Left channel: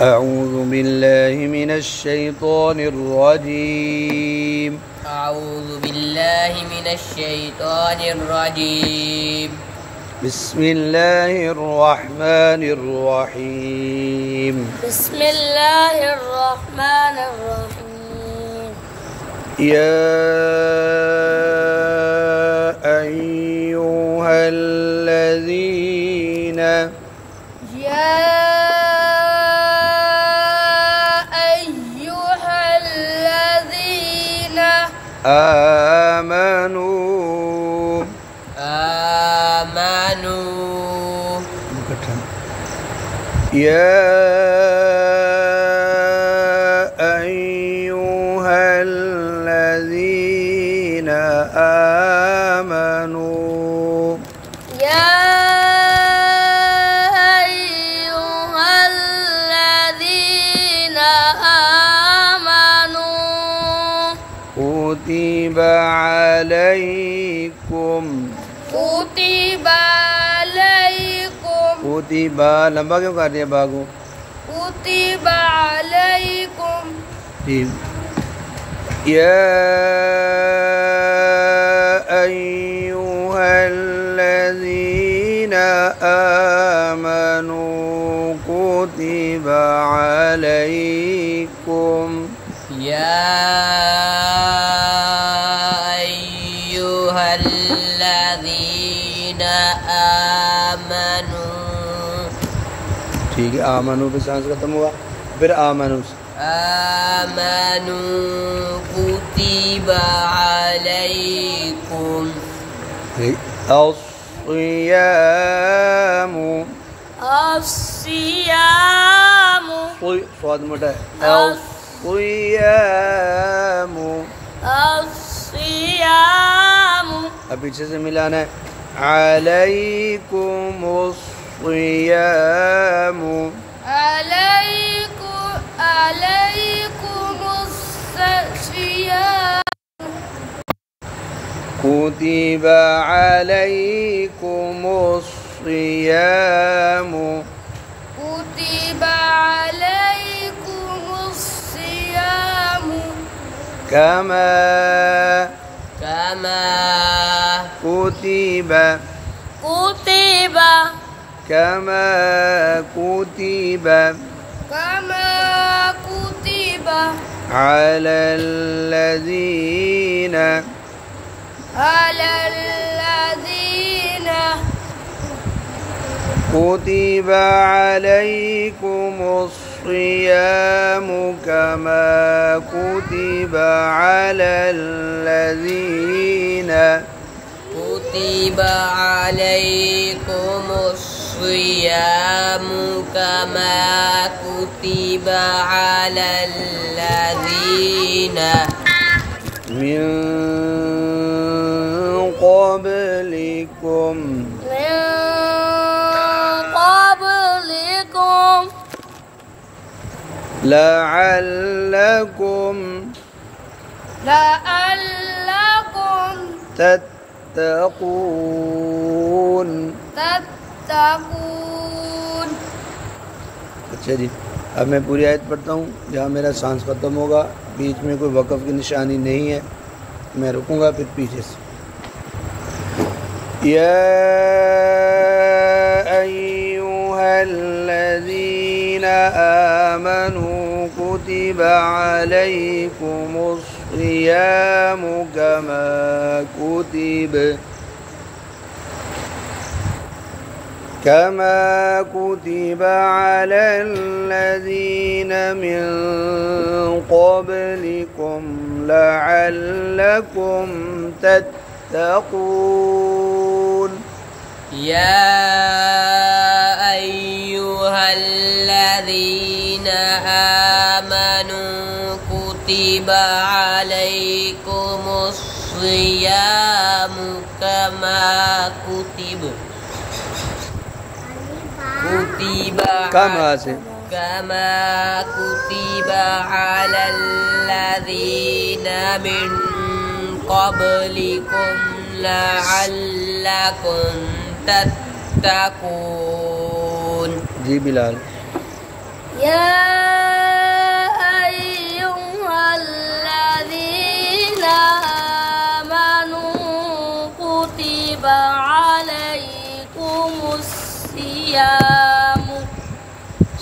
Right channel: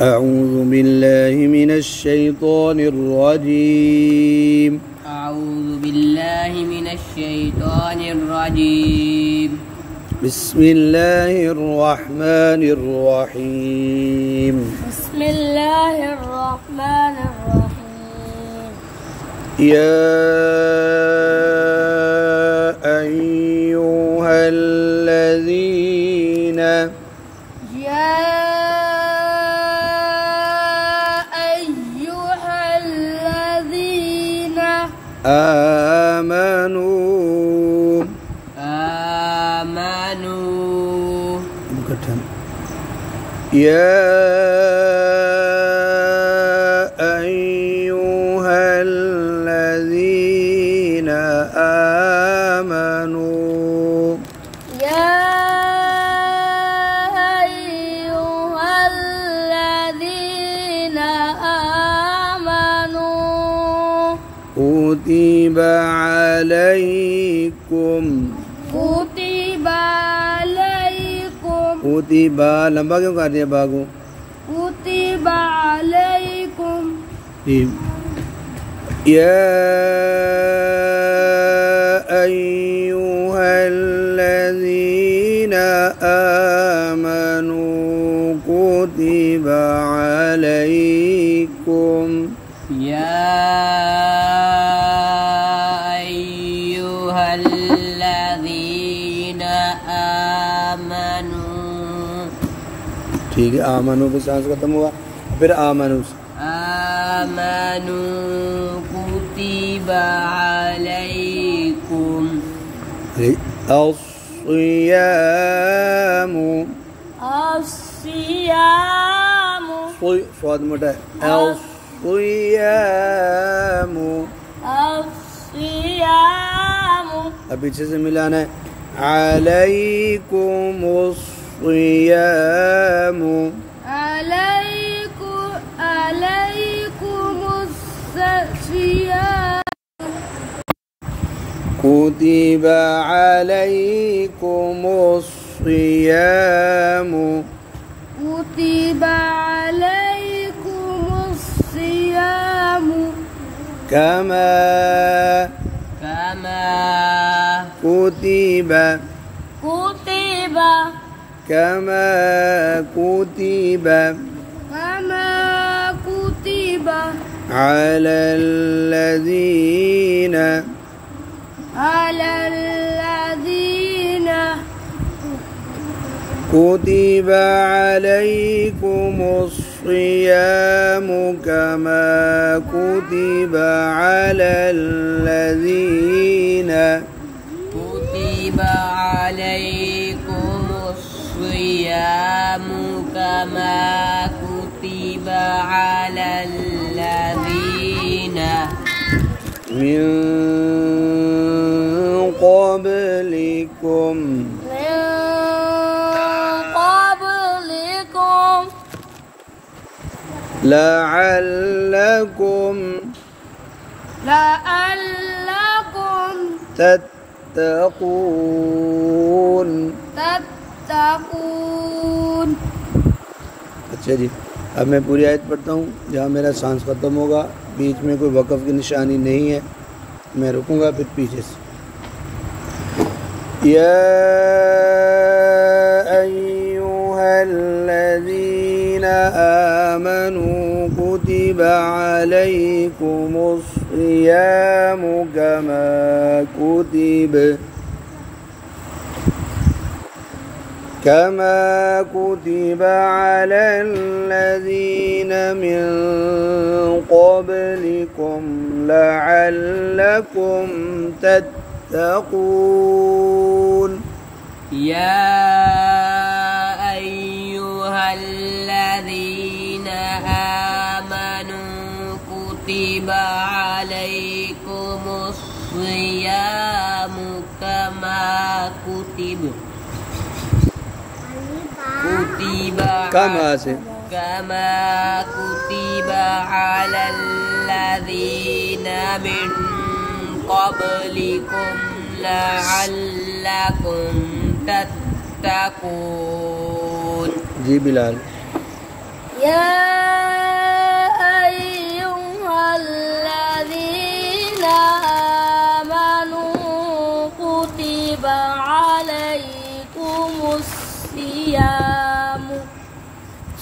أعوذ بالله من الشيطان الرجيم. أعوذ بالله من الشيطان الرجيم. بسم الله الرحمن الرحيم. بسم الله الرحمن الرحيم. يا أيها الذين آمنوا يا أيها الذين آمنوا يا أيها الذين آمنوا كتب عليكم कुतिबा लंबा क्यों कर दिया बागो कुतिबा अलैकुम या अय्युहल्लज़ीना आमनू कुतिबा अलैकुम या अय्युहल्लज़ीना आमनू। ठीक है, आमनू पे सांस खत्म हुआ, फिर आमनू आमनू कुतिबा अलैकुम अस्सियामु स्वाद मोटा है अस्सियामु अब पीछे से मिलाना है अलैकुमुस सियामु कुतिबा अलैकुमुस सियामु कमा कुतिबा كما كتب على الذين كتب عليكم الصيام كما كتب على الذين كتب عليكم الصيام كما كتب على الذين من قبلكم لعلكم تتقون। अच्छा जी, अब मैं पूरी आयत पढ़ता हूँ। जहाँ मेरा सांस खत्म होगा, बीच में कोई वक़फ़ की निशानी नहीं है, मैं रुकूंगा फिर पीछे से। या अय्युहल्लज़ीना आमनू कुतिबा अलैकुमुस सियामु कमा كتب على الذين من قبلكم لعلكم تتقون يا أيها الذين آمنوا كتب عليكم الصيام كما كتب على الذين من قبلكم لعلكم تتقون। जी बिलाल। या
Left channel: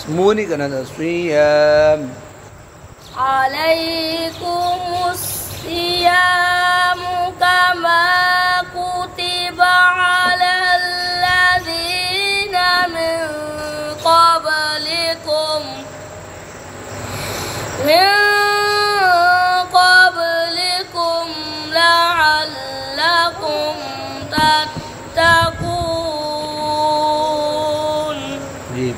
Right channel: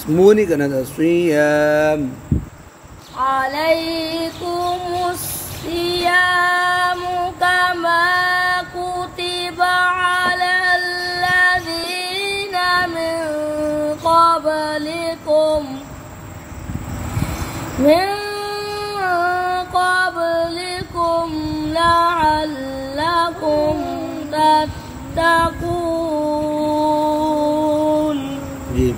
मुँह नहीं करना था। सियाम अलैकुमुस्सियामु कमा कुतिबा अलल्लज़ीना मिन क़ब्लिकुम लअल्लकुम तत्तकून। जी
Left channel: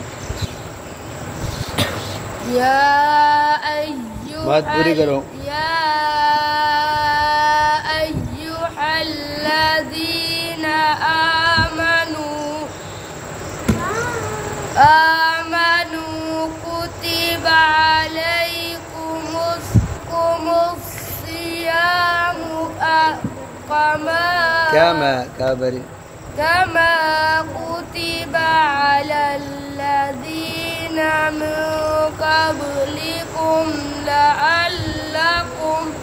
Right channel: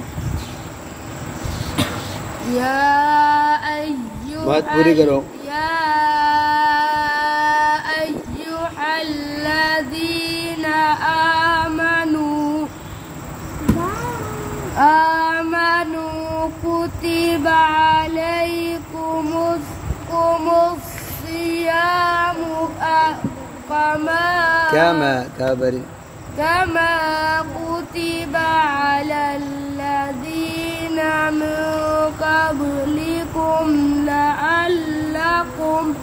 बात पूरी करो। या अय्युहल्लज़ीना आमनू कुतिबा अलैकुमुस्सियामु कमा कुतिबा अलल्लज़ीना मिन क़ब्लिकुम लअल्लकुम